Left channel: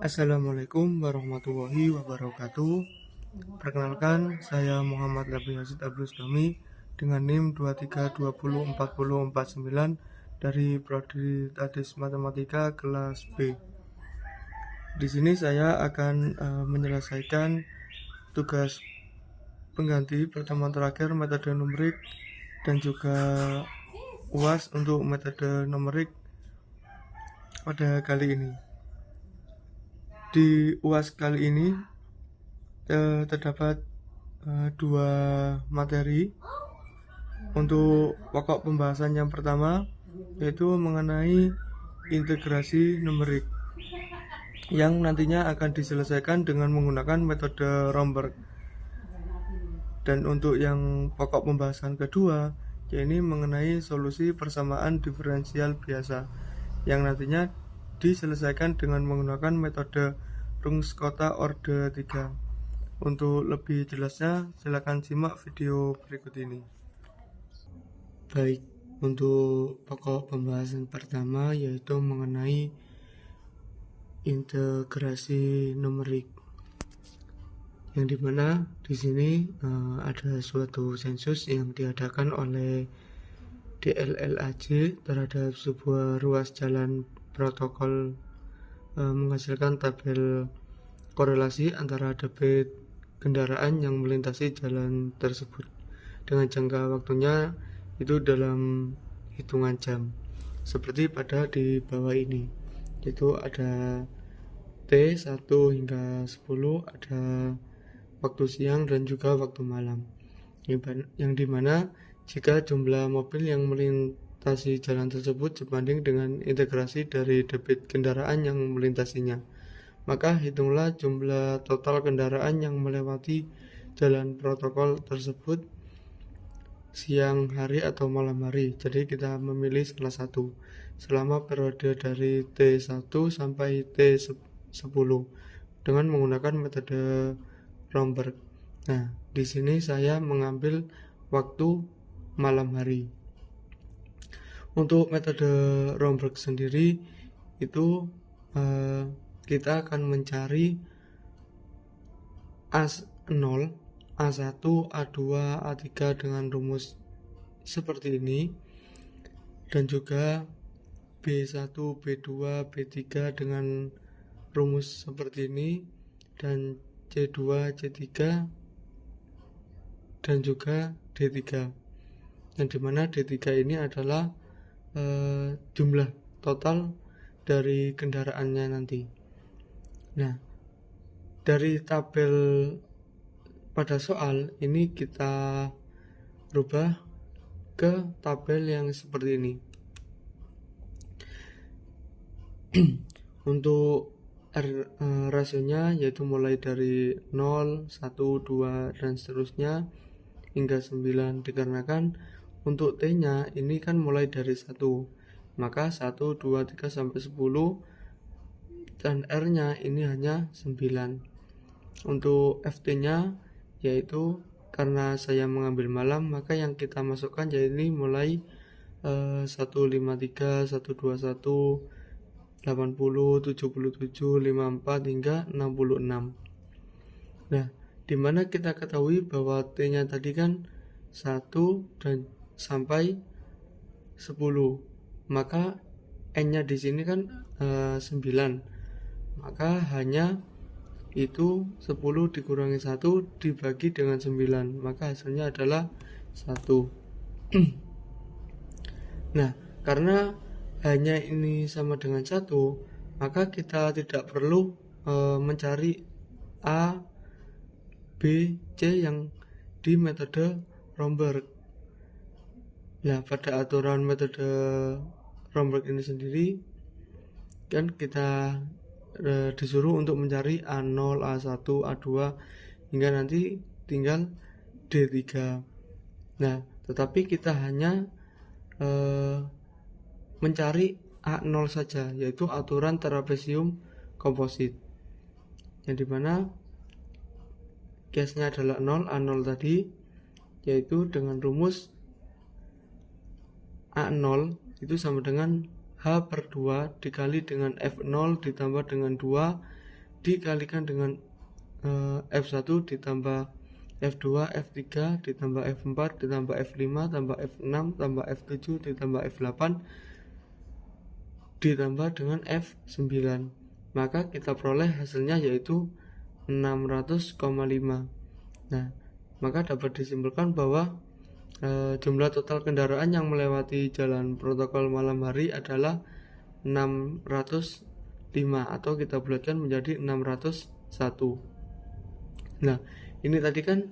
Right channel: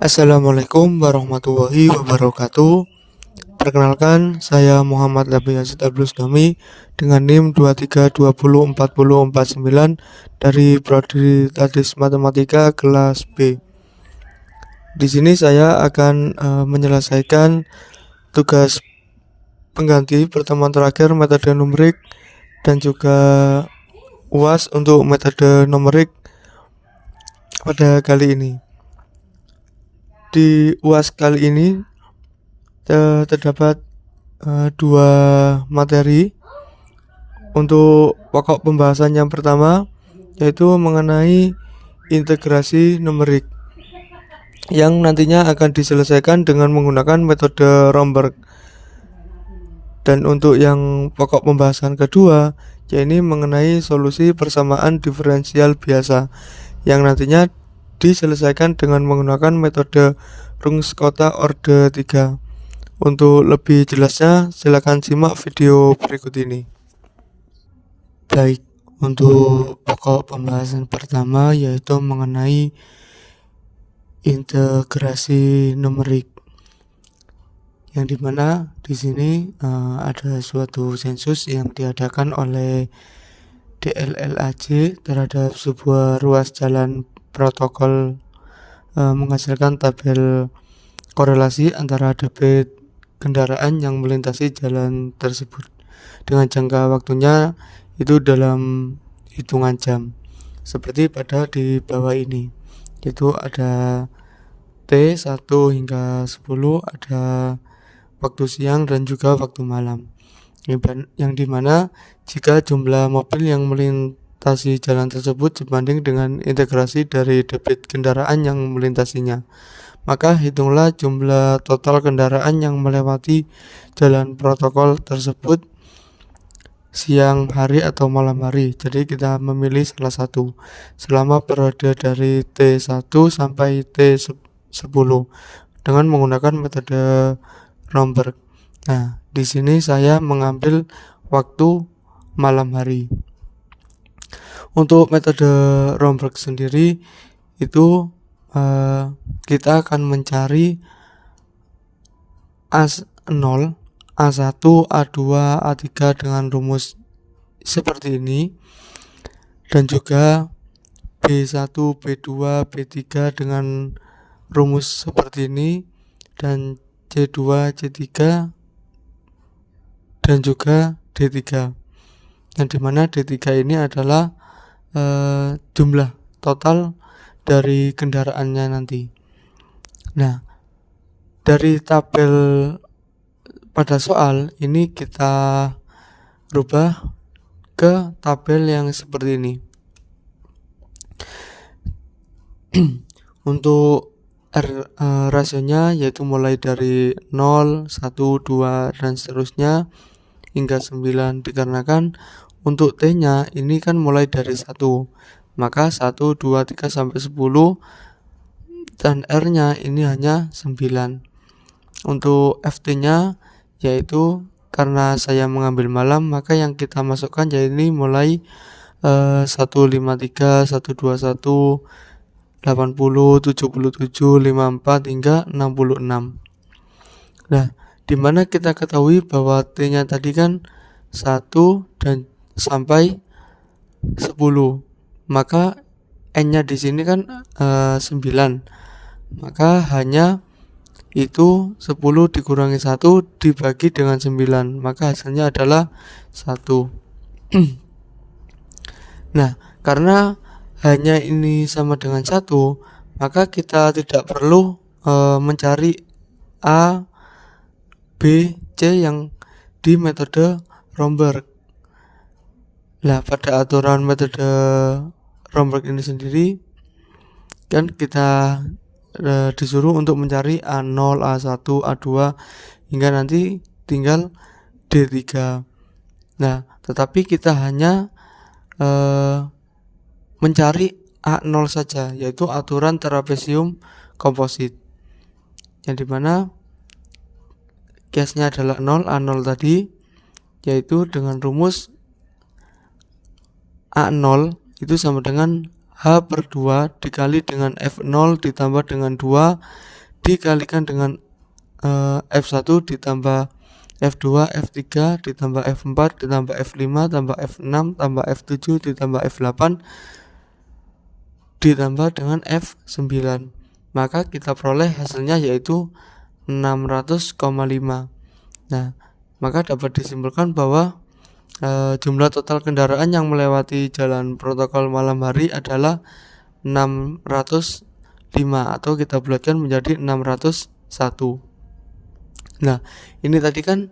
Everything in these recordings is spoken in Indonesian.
Assalamualaikum warahmatullahi wabarakatuh. Perkenalkan, saya Muhammad Labi Yazid Abdulustami dengan NIM 23204049 dari Prodi Tadris Matematika kelas B. Di sini saya akan menyelesaikan tugas pengganti pertemuan terakhir metode numerik dan juga UAS untuk metode numerik pada kali ini. Di UAS kali ini terdapat dua materi. Untuk pokok pembahasan yang pertama yaitu mengenai integrasi numerik yang nantinya akan diselesaikan dengan menggunakan metode Romberg. Dan untuk yang pokok pembahasan kedua yaitu mengenai solusi persamaan diferensial biasa yang nantinya diselesaikan dengan menggunakan metode Runge-Kutta orde 3. Untuk lebih jelasnya silakan simak video berikut ini. Baik, untuk pokok pembahasan pertama yaitu mengenai integrasi numerik, yang dimana di sini ada suatu sensus yang diadakan oleh DLLAJ terhadap sebuah ruas jalan protokol menghasilkan tabel korelasi antara debit kendaraan yang melintasi jalan tersebut dengan jangka waktunya itu dalam hitungan jam, seperti pada di bawah ini, yaitu ada T1 hingga 10, ada waktu siang dan juga waktu malam, yang dimana jika jumlah mobil yang melintasi jalan tersebut sebanding dengan integrasi dari debit kendaraan yang melintasinya, maka hitunglah jumlah total kendaraan yang melewati jalan protokol tersebut siang hari atau malam hari. Jadi kita memilih salah satu selama periode dari T1 sampai T10 dengan menggunakan metode Romberg. Nah, di sini saya mengambil waktu malam hari. Untuk metode Romberg sendiri itu kita akan mencari A0, A1, A2, A3 dengan rumus seperti ini, dan juga B1, B2, B3 dengan rumus seperti ini, dan C2, C3 dan juga D3, yang dimana D3 ini adalah jumlah total dari kendaraannya nanti. Nah, dari tabel pada soal ini kita rubah ke tabel yang seperti ini. Untuk rasionya yaitu mulai dari 0, 1, 2 dan seterusnya hingga 9, dikarenakan untuk T-nya ini kan mulai dari 1, maka 1, 2, 3 sampai 10, dan R-nya ini hanya 9. Untuk FT-nya yaitu karena saya mengambil malam, maka yang kita masukkan yaitu mulai 153, 121, 80, 77, 54 hingga 66. Nah, dimana kita ketahui bahwa T-nya tadi kan 1 dan sampai 10, maka N-nya di sini kan 9, maka hanya itu 10 dikurangi 1 dibagi dengan 9, maka hasilnya adalah 1. Nah, karena hanya ini sama dengan 1, maka kita tidak perlu mencari A, B, C yang di metode Romberg. Nah, pada aturan metode Romberg ini sendiri kan kita disuruh untuk mencari A0, A1, A2 hingga nanti tinggal D3. Nah, tetapi kita hanya mencari A0 saja, yaitu aturan trapesium komposit, yang dimana case-nya adalah 0, A0 tadi, yaitu dengan rumus A0 itu sama dengan H per 2 dikali dengan F0 ditambah dengan 2 dikalikan dengan F1 ditambah F2 F3 ditambah F4 ditambah F5 tambah F6 tambah F7 ditambah F8 ditambah dengan F9. Maka kita peroleh hasilnya yaitu 600,5. Nah, maka dapat disimpulkan bahwa jumlah total kendaraan yang melewati jalan protokol malam hari adalah 605, atau kita bulatkan menjadi 601. Nah, ini tadi kan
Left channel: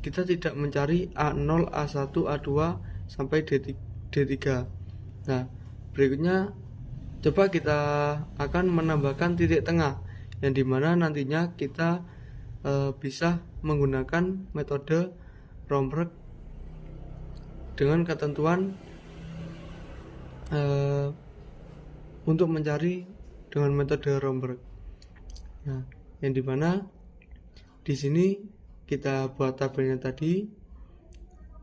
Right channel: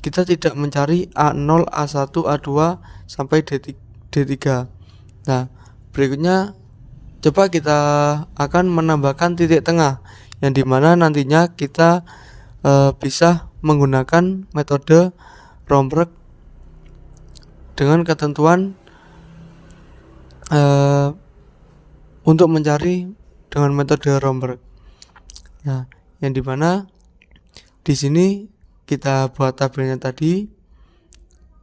kita tidak mencari A0, A1, A2 sampai D3. Nah, berikutnya coba kita akan menambahkan titik tengah, yang dimana nantinya kita bisa menggunakan metode Romberg dengan ketentuan untuk mencari dengan metode Romberg. Nah, yang dimana di sini kita buat tabelnya tadi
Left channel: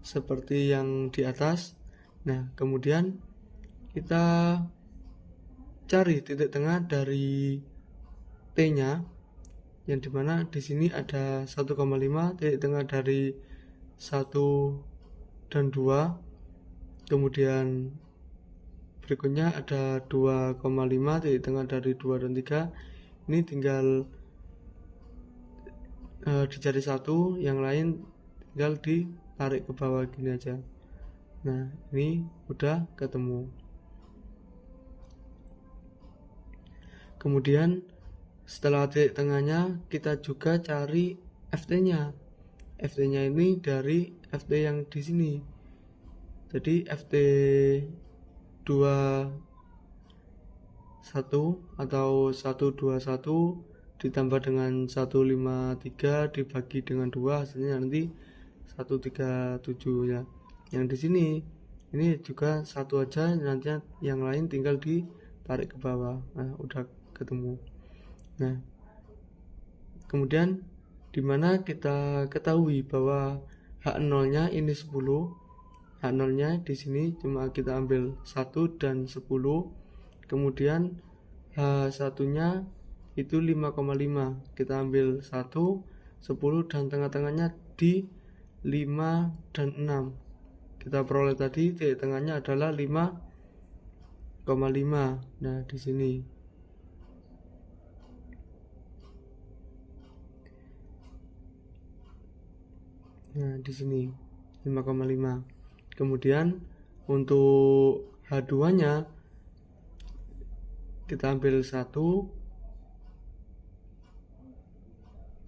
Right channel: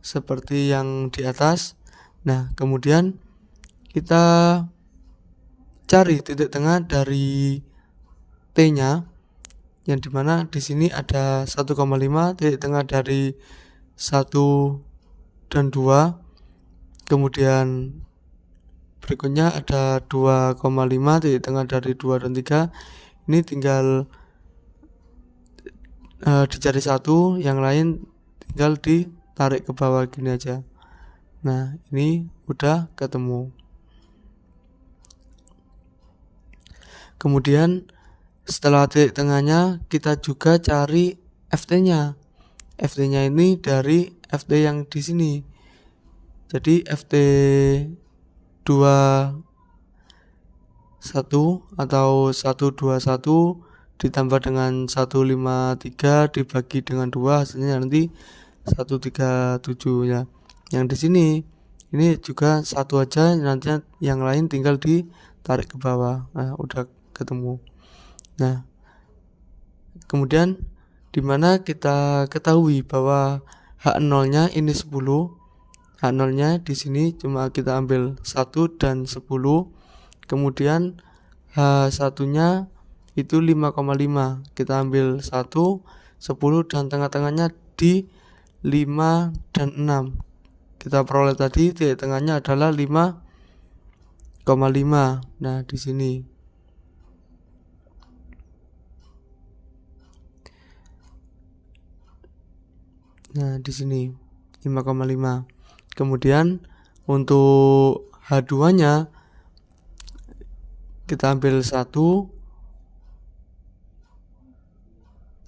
seperti yang di atas. Nah, kemudian kita cari titik tengah dari T-nya, yang dimana di sini ada 1,5, titik tengah dari 1 dan 2. Kemudian berikutnya ada 2,5, titik tengah dari 2 dan 3. Ini tinggal dicari satu, yang lain tinggal ditarik ke bawah gini aja. Nah, ini udah ketemu. Kemudian setelah titik tengahnya kita juga cari FT-nya. FT-nya ini dari FT yang di sini. Jadi FT 21 atau 121 ditambah dengan 153 dibagi dengan 2, hasilnya nanti 137 ya. Yang di sini ini juga satu aja, nanti yang lain tinggal ditarik ke bawah. Nah, udah ketemu. Nah, kemudian dimana kita ketahui bahwa H0-nya ini 10. H0-nya di sini cuma kita ambil 1 dan 10. Kemudian H1-nya itu 5,5. Kita ambil 1, 10 dan tengah-tengahnya di 5 dan 6. Kita peroleh tadi titik tengahnya adalah 5,5. Nah, di sini. Nah, di sini 5,5. Kemudian untuk H2-nya kita ambil 1,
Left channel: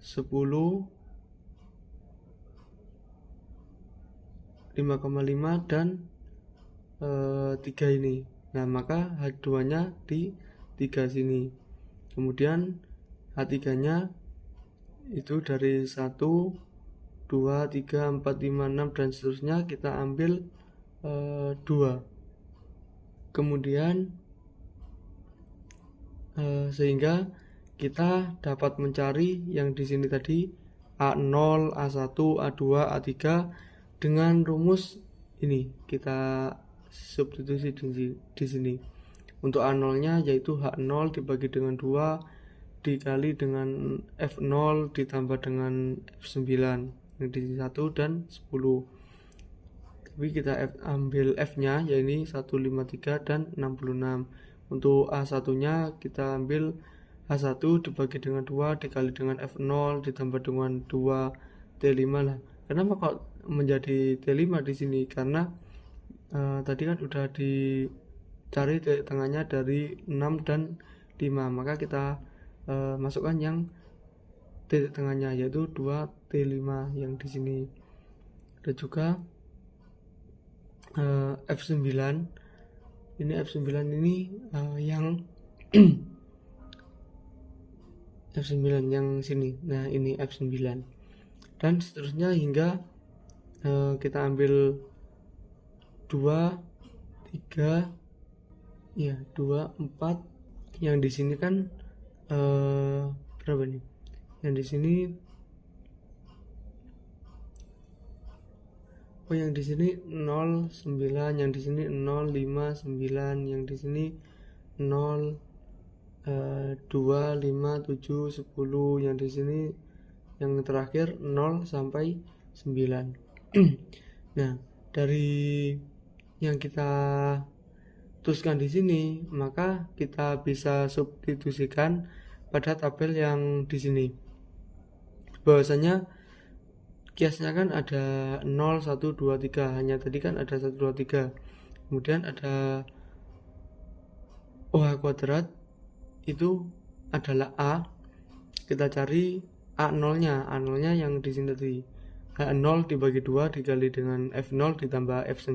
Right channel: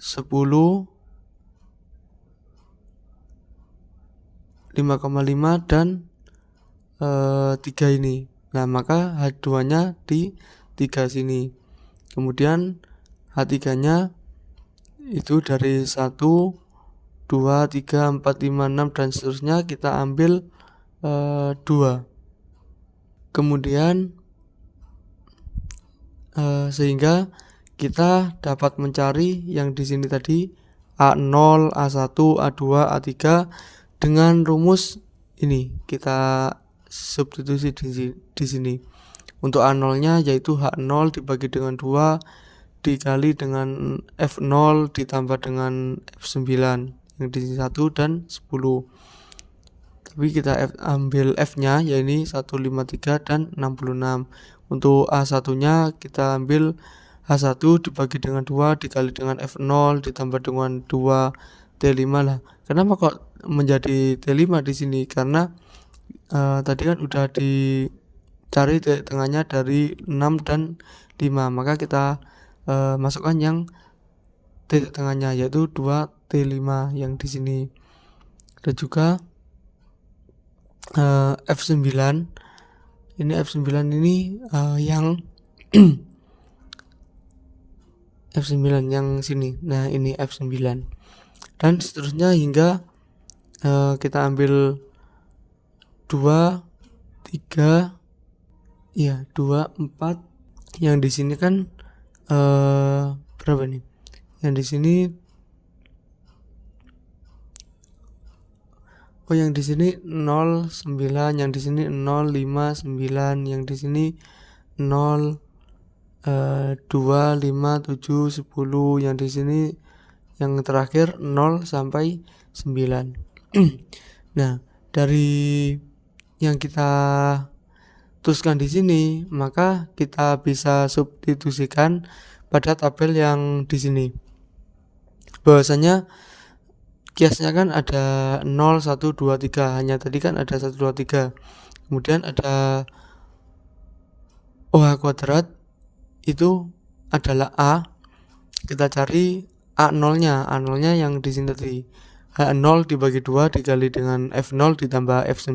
10, 5,5 dan 3 ini. Nah, maka H2-nya di 3 sini. Kemudian H3-nya itu dari 1, 2, 3, 4, 5, 6 dan seterusnya kita ambil 2. Kemudian sehingga kita dapat mencari yang di sini tadi A0, A1, A2, A3 dengan rumus ini. Kita substitusi di sini. Untuk A0-nya yaitu H0 dibagi dengan 2 dikali dengan F0 ditambah dengan F9, yang di sini 1 dan 10. Tapi kita ambil F-nya yaitu 153 dan 66. Untuk A1-nya kita ambil H1 dibagi dengan 2 dikali dengan F0 ditambah dengan 2 T5 lah. Kenapa kok menjadi T5 di sini? Karena tadi kan udah dicari titik tengahnya dari 6 dan 5. Maka kita masukkan yang titik tengahnya yaitu 2 T5 yang di sini. Dan juga F9. Ini F9 ini yang F9 yang sini. Nah, ini F9. Dan seterusnya hingga kita ambil 2, 3, ya 2, 4. Yang di sini kan berapa nih? Yang di sini yang di sini 0, 9, yang di sini 0, 5, 9, yang di sini 0, 2, 5, 7, 10, yang di sini yang terakhir 0 sampai 9. Nah, dari yang kita tuliskan di sini, maka kita bisa substitusikan pada tabel yang di sini. Bahwasanya kiasnya kan ada 0, 1, 2, 3. Hanya tadi kan ada 1, 2, 3. Kemudian ada OH kuadrat, itu adalah A. Kita cari A0-nya. A0-nya yang di sini tadi. H0 dibagi 2 dikali dengan F0 ditambah F9.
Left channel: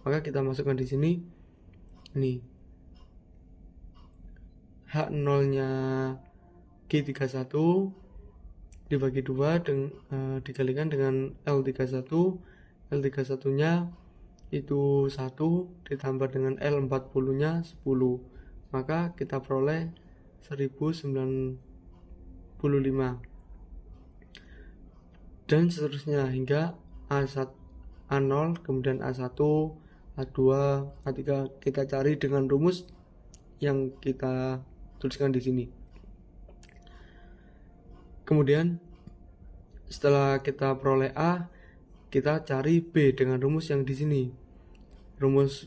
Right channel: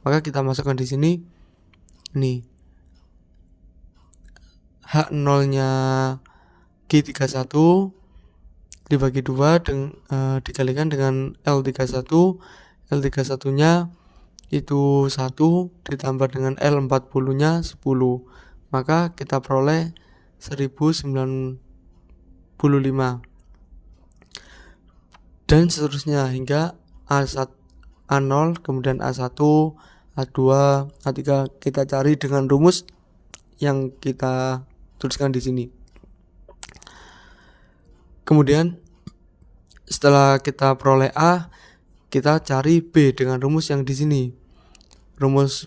Maka kita masukkan di sini. Nih. H0-nya G31 dibagi 2 dikalikan dengan L31. L31-nya itu 1 ditambah dengan L40-nya 10. Maka kita peroleh 1095. Dan seterusnya hingga A1, A0, kemudian A1, A2, A3 kita cari dengan rumus yang kita tuliskan di sini. Kemudian setelah kita peroleh A, kita cari B dengan rumus yang di sini. Rumus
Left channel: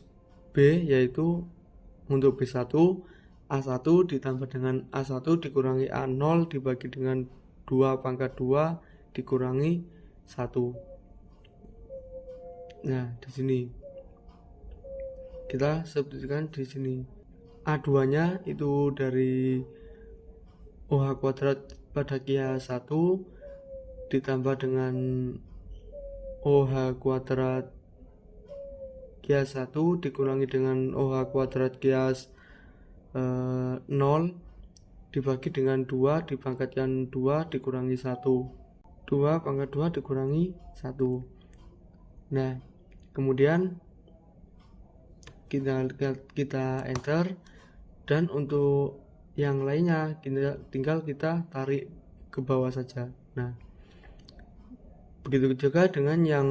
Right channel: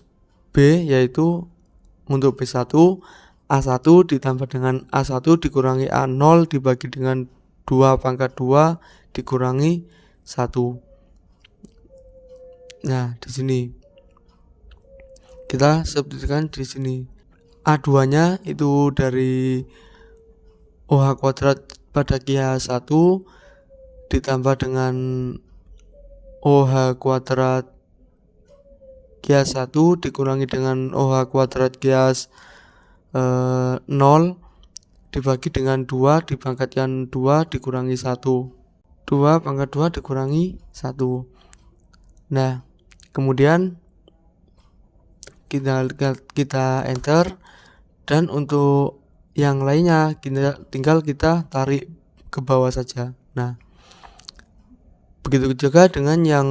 B yaitu untuk B1, A1 ditambah dengan A1 dikurangi A0 dibagi dengan 2 pangkat 2 dikurangi 1. Nah, di sini kita substitusikan di sini. A2-nya itu dari OH kuadrat pada kias 1 ditambah dengan OH kuadrat kias 1 dikurangi dengan OH kuadrat kias 0 dibagi dengan 2 dipangkatkan 2 dikurangi 1. 2 pangkat 2 dikurangi 1. Nah, kemudian kita enter, dan untuk yang lainnya tinggal kita tarik ke bawah saja. Nah, begitu juga dengan yang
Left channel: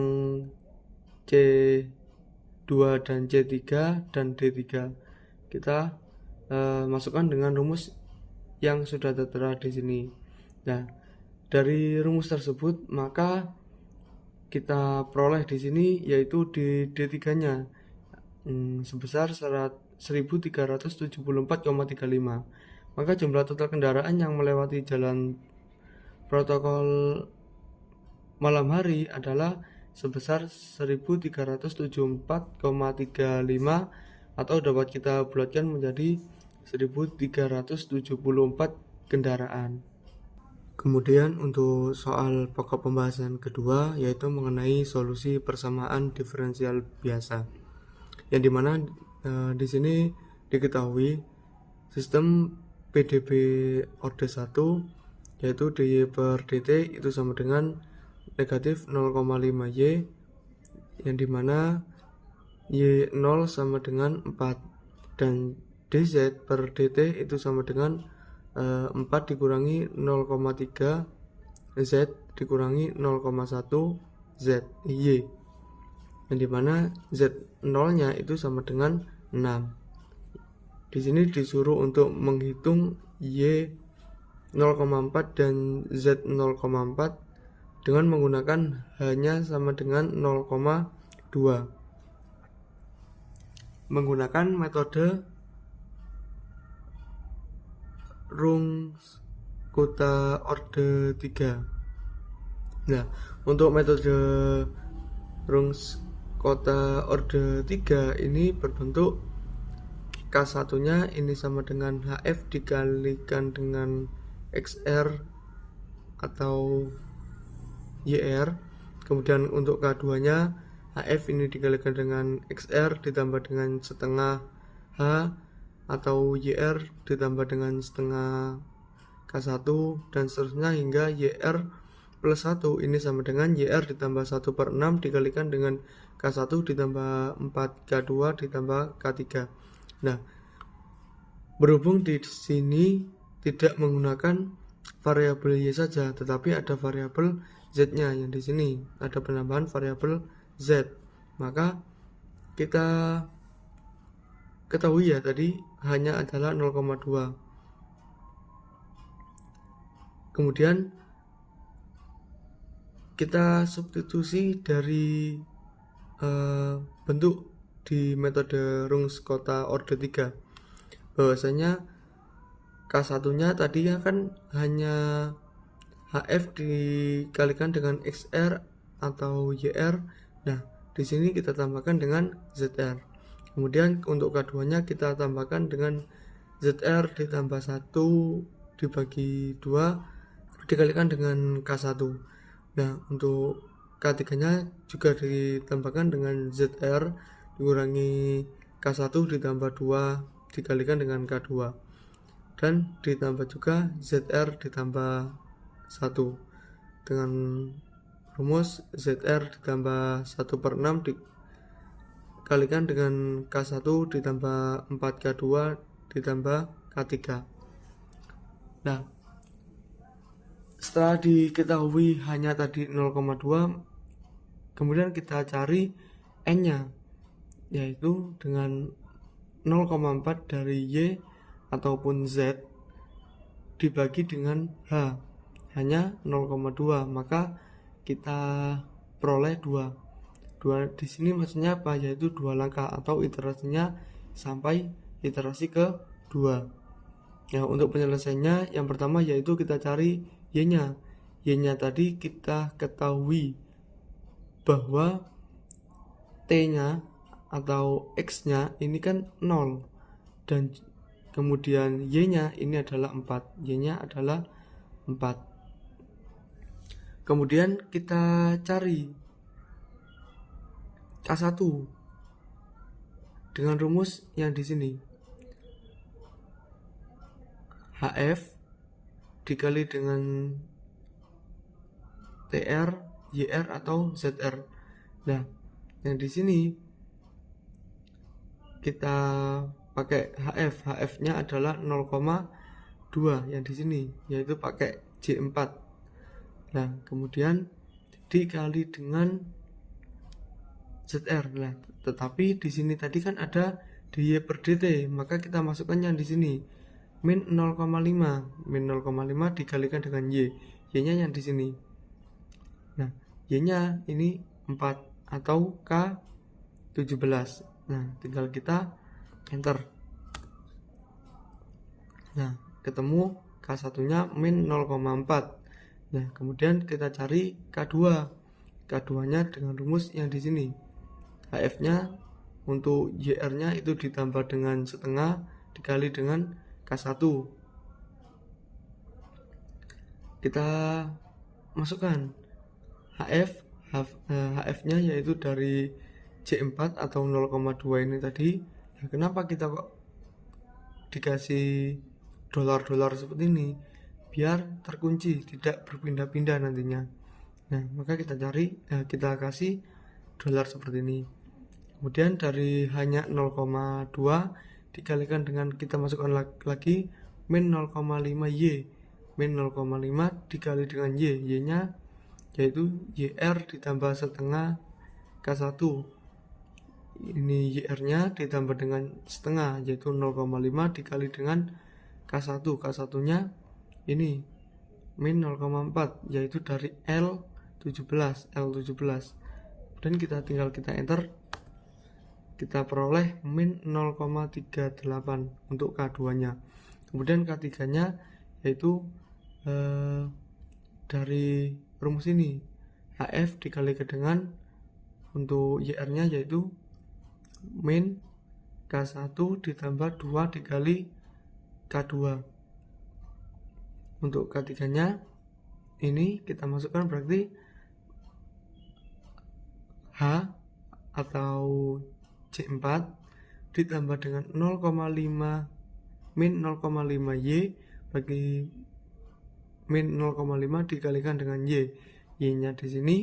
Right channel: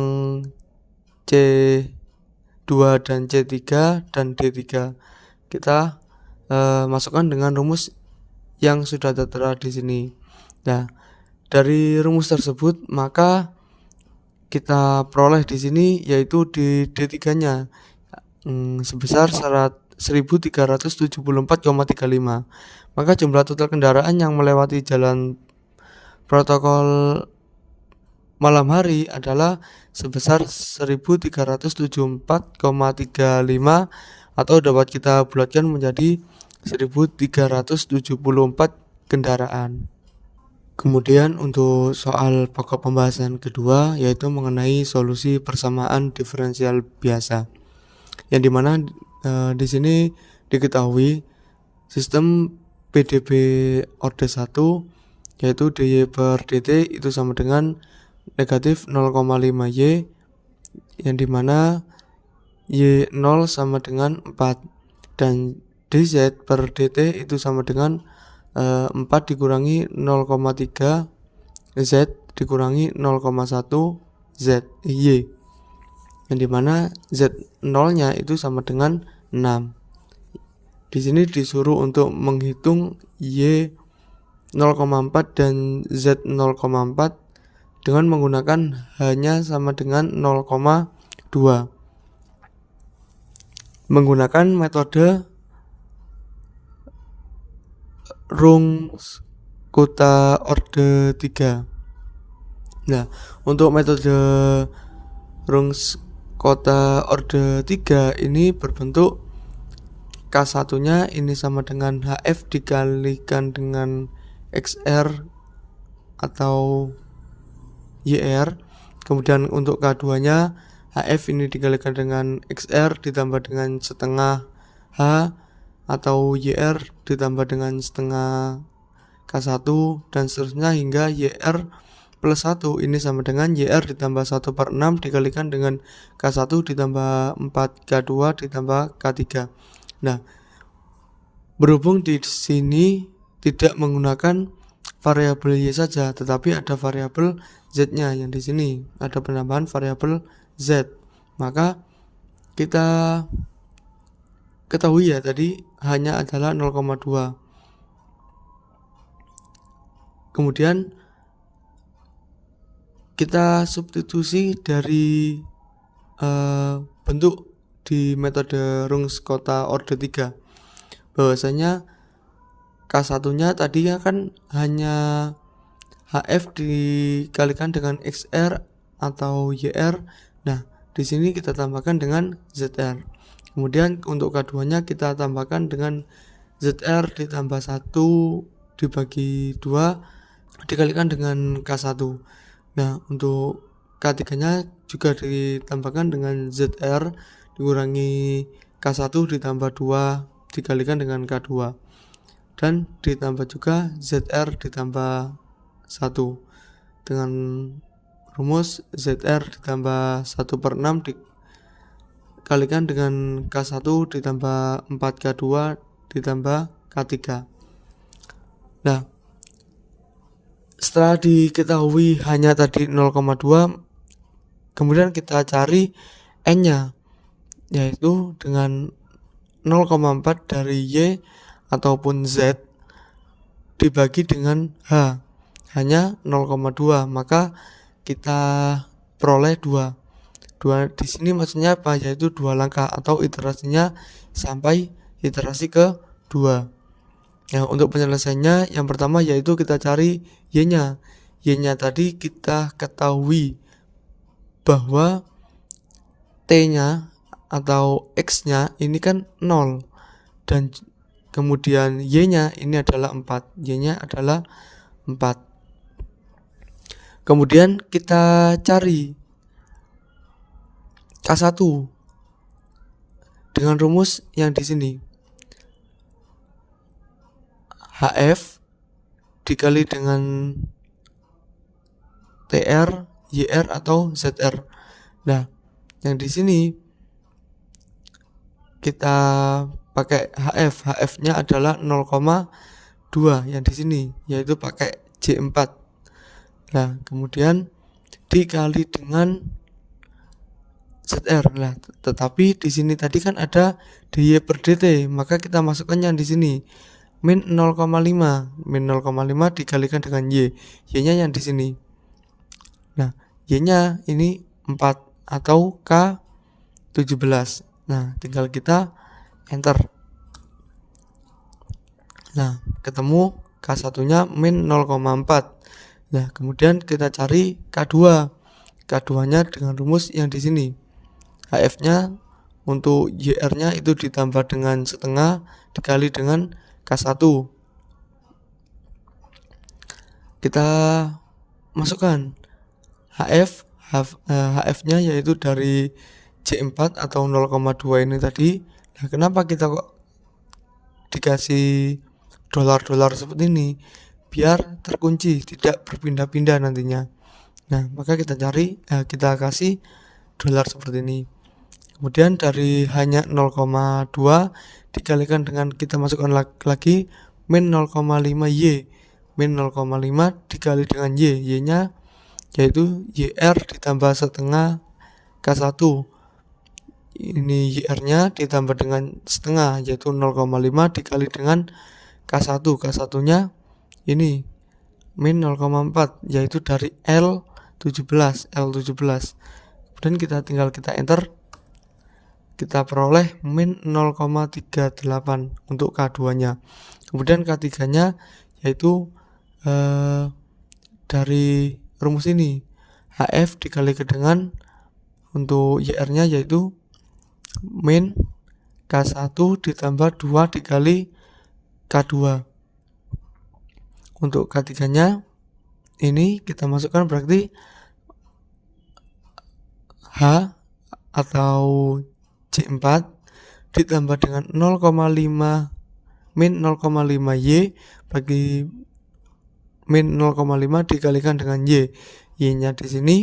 C2 dan C3 dan D3. Kita masukkan dengan rumus yang sudah tertera di sini. Nah, dari rumus tersebut maka kita peroleh di sini yaitu di D3-nya sebesar 1374,35. Maka jumlah total kendaraan yang melewati jalan protokol malam hari adalah sebesar 1374,35 atau dapat kita bulatkan menjadi 1374 kendaraan. Kemudian untuk soal pokok pembahasan kedua yaitu mengenai solusi persamaan diferensial biasa, yang dimana di sini diketahui sistem PDB orde 1 yaitu dy per dt itu sama dengan negatif 0,5 y, yang dimana y0 sama dengan 4, dan dz per dt itu sama dengan 4 dikurangi 0,3 z dikurangi 0,1 z y, yang dimana z0 nya itu sama dengan 6. Di sini disuruh untuk menghitung y 0,4 dan z 0,4 dengan menggunakan hanya sama dengan 0,2 menggunakan metode Runge kota orde 3. Nah, untuk metode Runge kota orde 3 ini berbentuk K1 nya ini sama dengan HF dikalikan dengan XR atau YR. Kemudian untuk K2 nya HF ini dikalikan dengan XR ditambah dengan setengah H atau YR ditambah dengan setengah K1 dan seterusnya hingga YR plus 1 ini sama dengan YR ditambah 1 per 6 dikalikan dengan K1 ditambah 4K2 ditambah K3. Nah, berhubung di sini tidak menggunakan variabel Y saja, tetapi ada variabel Z-nya yang di sini ada penambahan variabel Z. Maka kita ketahui ya tadi hanya adalah 0,2. Kemudian kita substitusi dari bentuk di metode Runge-Kutta Orde 3 bahwasanya K1-nya tadi kan hanya HF dikalikan dengan XR atau YR. Nah, di sini kita tambahkan dengan ZR. Kemudian untuk K2-nya kita tambahkan dengan ZR ditambah 1 dibagi 2 dikalikan dengan K1. Nah, untuk K3-nya juga ditambahkan dengan ZR dikurangi K1 ditambah 2 dikalikan dengan K2. Dan ditambah juga ZR ditambah 1 dengan rumus ZR ditambah 1 per 6 dikalikan dengan K1 ditambah 4K2 ditambah K3. Nah, setelah diketahui hanya tadi 0,2, kemudian kita cari N-nya, yaitu dengan 0,4 dari Y ataupun Z dibagi dengan H, hanya 0,2, maka kita peroleh 2 di sini maksudnya apa, yaitu 2 langkah atau iterasinya sampai iterasi ke 2. Nah, untuk penyelesaiannya yang pertama yaitu kita cari Y-nya. Y-nya tadi kita ketahui bahwa T-nya atau X-nya ini kan 0 dan kemudian Y-nya ini adalah 4. Y-nya adalah 4. Kemudian kita cari K1 dengan rumus yang di sini. HF dikali dengan TR, YR atau ZR. Nah, yang di sini kita pakai HF. HF-nya adalah 0,2 yang di sini, yaitu pakai J4. Nah, kemudian dikali dengan ZR. Nah, tetapi di sini tadi kan ada dy per dt, maka kita masukkan yang di sini min 0,5. Min 0,5 dikalikan dengan y. Y-nya yang di sini. Nah, y-nya ini 4 atau K17. Nah, tinggal kita enter. Nah, ketemu K1-nya min 0,4. Nah, kemudian kita cari K2. K2-nya dengan rumus yang di sini. HF-nya untuk YR-nya itu ditambah dengan setengah dikali dengan K1. Kita masukkan HF-nya yaitu dari J4 atau 0,2 ini tadi. Nah, kenapa kita kok dikasih dolar-dolar seperti ini? Biar terkunci, tidak berpindah-pindah nantinya. Nah, maka kita kasih dolar seperti ini. Kemudian dari hanya 0,2 dikalikan dengan kita masukkan lagi min 0,5 Y. Min 0,5 dikali dengan Y. Y-nya yaitu YR ditambah setengah K1. Ini YR-nya ditambah dengan setengah, yaitu 0,5 dikali dengan K1. K1-nya ini min 0,4, yaitu dari L17. Kemudian kita enter. Kita peroleh min 0,38 untuk K2-nya. Kemudian K3-nya yaitu dari rumus ini. HF dikali dengan untuk YR-nya yaitu min K1 ditambah 2 dikali K2. Untuk K3-nya ini kita masukkan berarti H atau J4 ditambah dengan 0,5 min 0,5 Y bagi min 0,5 dikalikan dengan Y. Y-nya di sini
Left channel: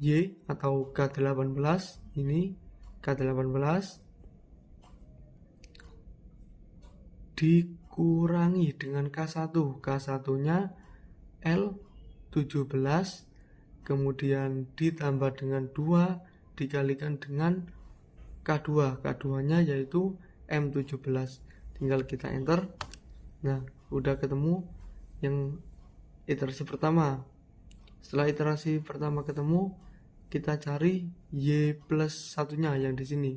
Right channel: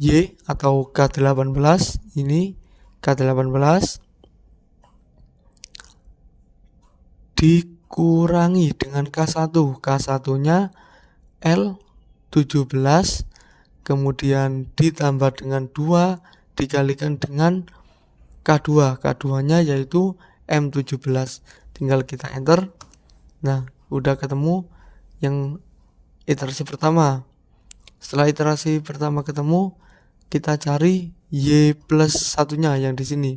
Y atau K18, ini K18 dikurangi dengan K1. K1-nya L17, kemudian ditambah dengan 2 dikalikan dengan K2. K2-nya yaitu M17. Tinggal kita enter. Nah, udah ketemu yang iterasi pertama. Setelah iterasi pertama ketemu, kita cari Y plus satunya yang di sini.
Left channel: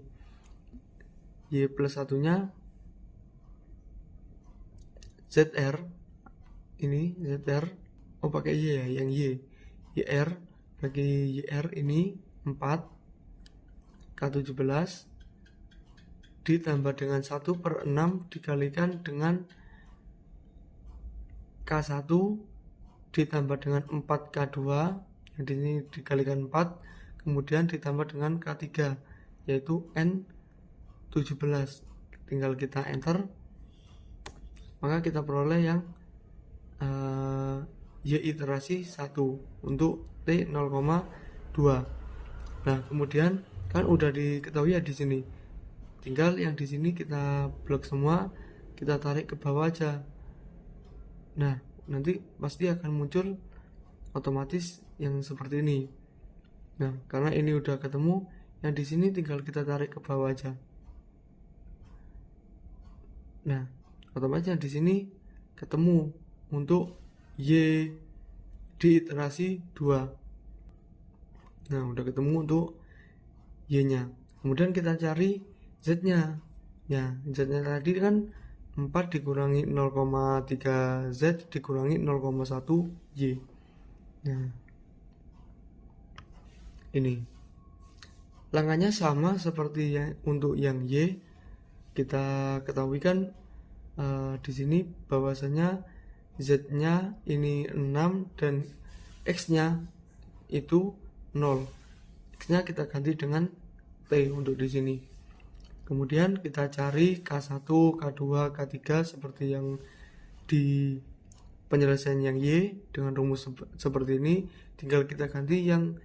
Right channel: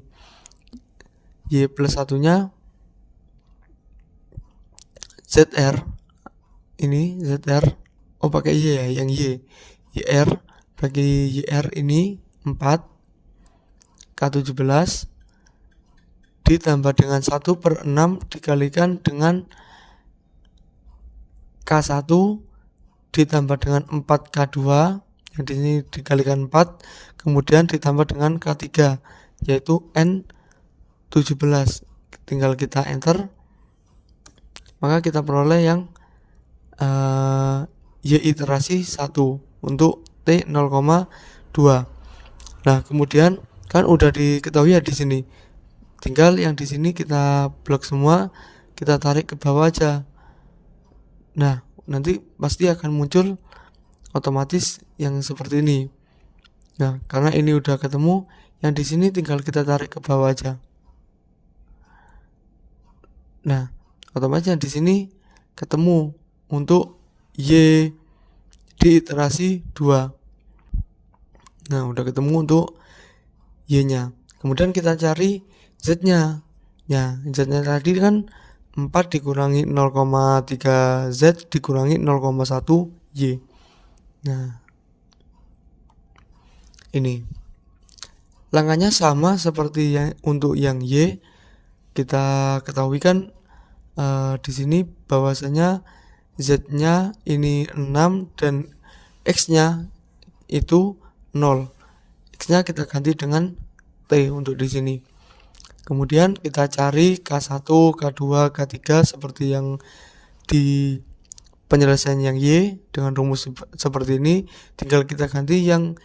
Y plus satunya ZR. Ini ZR. Oh, pakai Y ya, yang Y. YR, bagi YR ini 4 K17 ditambah dengan 1/6 dikalikan dengan K1 ditambah dengan 4K2, yang di sini dikalikan 4, kemudian ditambah dengan K3 yaitu N17. Tinggal kita enter, maka kita peroleh yang Y iterasi 1 untuk T 0,2. Nah, kemudian kan udah diketahui ya di sini. Tinggal yang di sini kita blok semua, kita tarik ke bawah aja. Nah, nanti pasti akan muncul otomatis yang seperti ini. Nah, karena ini udah ketemu, yang di sini tinggal kita tarik ke bawah aja. Nah, otomatis yang di sini ketemu untuk Y di iterasi 2. Nah, udah ketemu untuk Y-nya. Kemudian kita cari Z-nya. Ya, Z-nya tadi kan 4 dikurangi 0,3 Z dikurangi 0,1 Y. Nah, ini langkahnya sama seperti yang untuk yang Y. Kita ketahui kan di sini bahwasanya Z-nya ini 6 dan X-nya itu 0. X-nya kita ganti dengan T untuk di sini. Kemudian kita cari K1, K2, K3 seperti yang di penyelesaian yang Y dengan rumus seperti ini. Tinggal kita ganti yang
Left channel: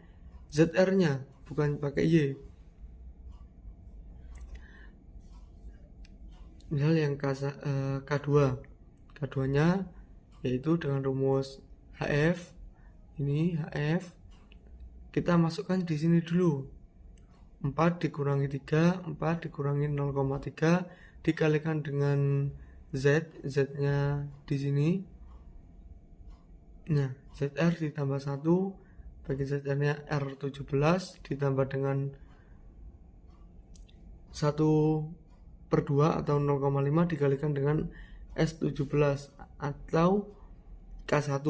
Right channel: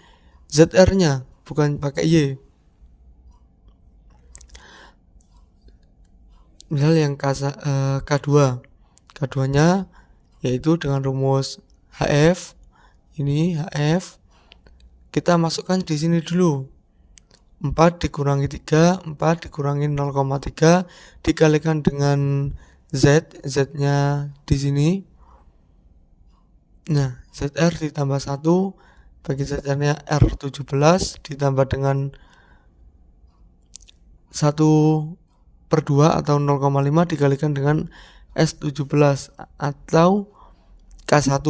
ZR-nya, bukan pakai Y. Misal yang K2. K2-nya yaitu dengan rumus HF. Ini HF. Kita masukkan di sini dulu. 4 dikurangi 3, 4 dikurangi 0,3 dikalikan dengan Z, Z-nya di sini. Nah, ZR ditambah 1, bagi ZR-nya R17 ditambah dengan 1/2 atau 0,5 dikalikan dengan S17 atau K1.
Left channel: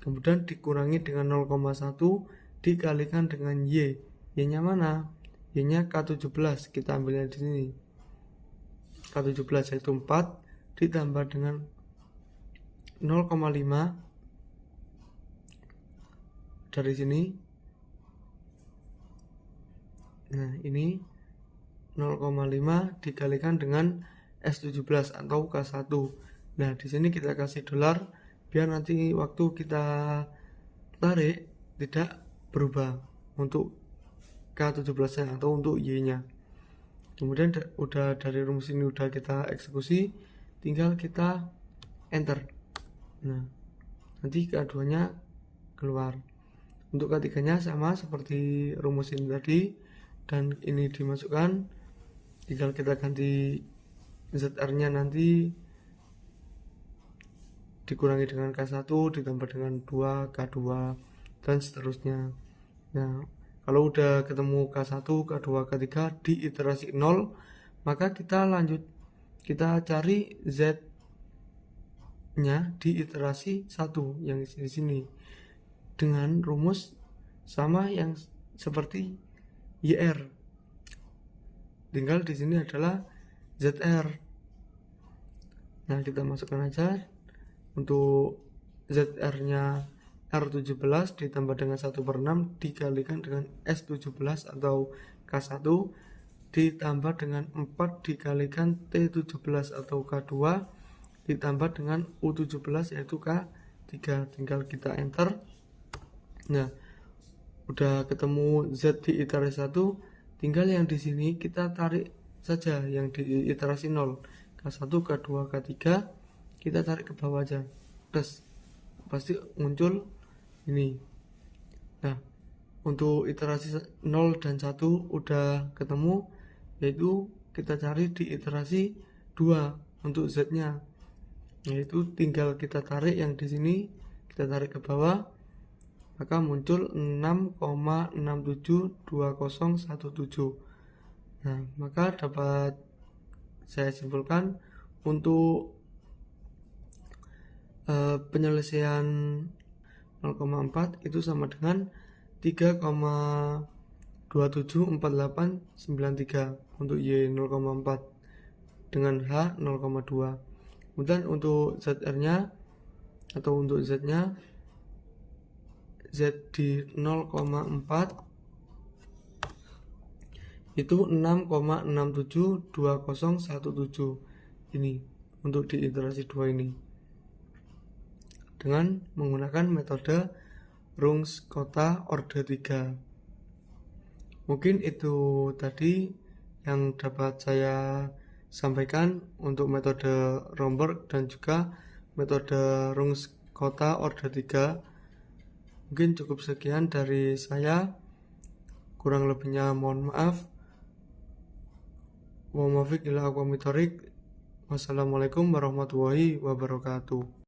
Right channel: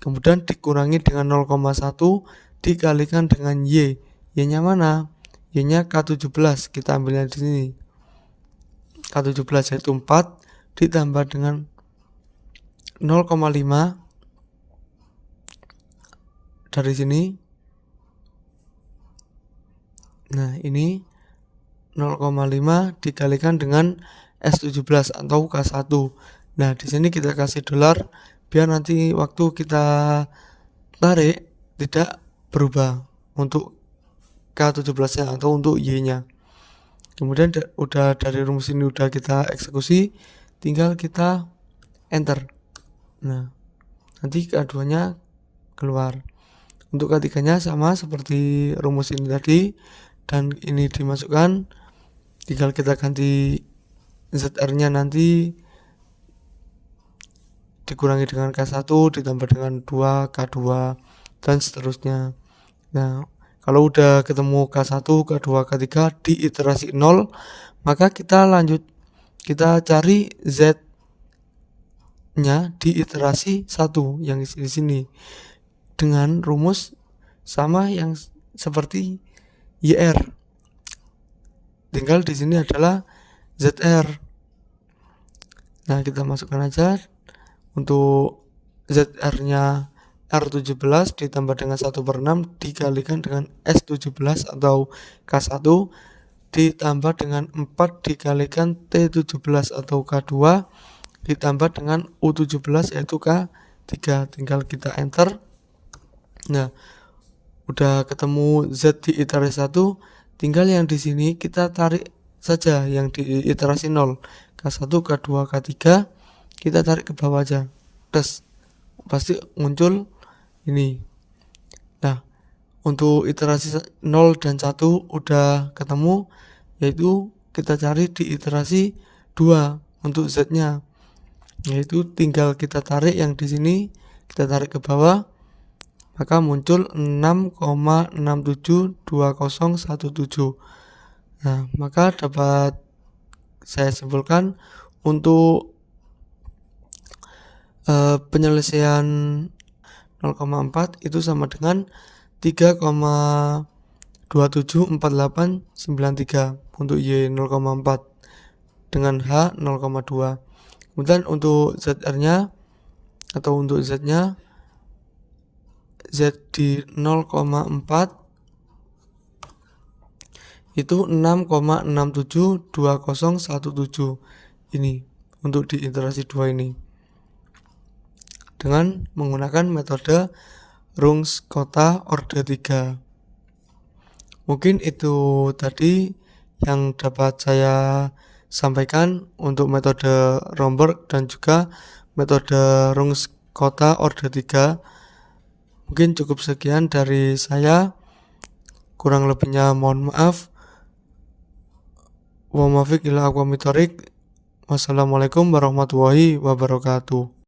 Kemudian dikurangi dengan 0,1 dikalikan dengan Y. Y-nya mana? Y-nya K17. Kita ambilnya di sini. K17 yaitu 4 ditambah dengan 0,5 dari sini. Nah, ini 0,5 dikalikan dengan S17 atau K1. Nah, di sini kita kasih dolar biar nanti waktu kita tarik tidak berubah untuk K17-nya atau untuk Y-nya. Kemudian udah dari rumus ini udah kita eksekusi, tinggal kita enter. Nah, nanti K2-nya keluar. Untuk K3-nya sama seperti rumus ini tadi, dan ini dimasukkan, tinggal kita ganti ZR-nya nanti dikurangi dengan K1 ditambah dengan 2 K2 dan seterusnya. Nah, kalau udah ketemu K1, K2, K3 di iterasi 0, maka kita lanjut, kita cari Z-nya di iterasi 1 yang di sini dengan rumus sama yang seperti YR. Tinggal di sini adalah ZR. Nah, kita masukkan aja untuk ZR-nya R17 ditambah dengan 1/6 dikalikan dengan S17 atau K1 ditambah dengan 4 dikalikan T17 atau K2. ditambah dengan U17 yaitu K3, tinggal kita enter. Nah, udah ketemu Z di iterasi 1, tinggal yang di sini kita tarik saja yang di iterasi 0, K1, K2, K3, kita tarik ke bawah aja. Terus pasti muncul ini. Nah, untuk iterasi 0 dan 1 udah ketemu, yaitu kita cari di iterasi 2 untuk Z-nya. Yaitu tinggal kita tarik yang di sini, kita tarik ke bawah, maka muncul 6,672017. Nah, maka dapat saya simpulkan untuk penyelesaian 0,4 itu sama dengan 3,274893 untuk Y 0,4 dengan H 0,2. Kemudian untuk ZR-nya atau untuk Z-nya, Z di 0,4 itu 6,672017 ini untuk di iterasi 2 ini dengan menggunakan metode rungs kota orde 3. Mungkin itu tadi yang dapat saya sampaikan untuk metode Romberg dan juga metode rungs kota orde 3. Mungkin cukup sekian dari saya, kurang lebihnya mohon maaf. Wa mafiq ila aqwamitorik. Wassalamualaikum warahmatullahi wabarakatuh.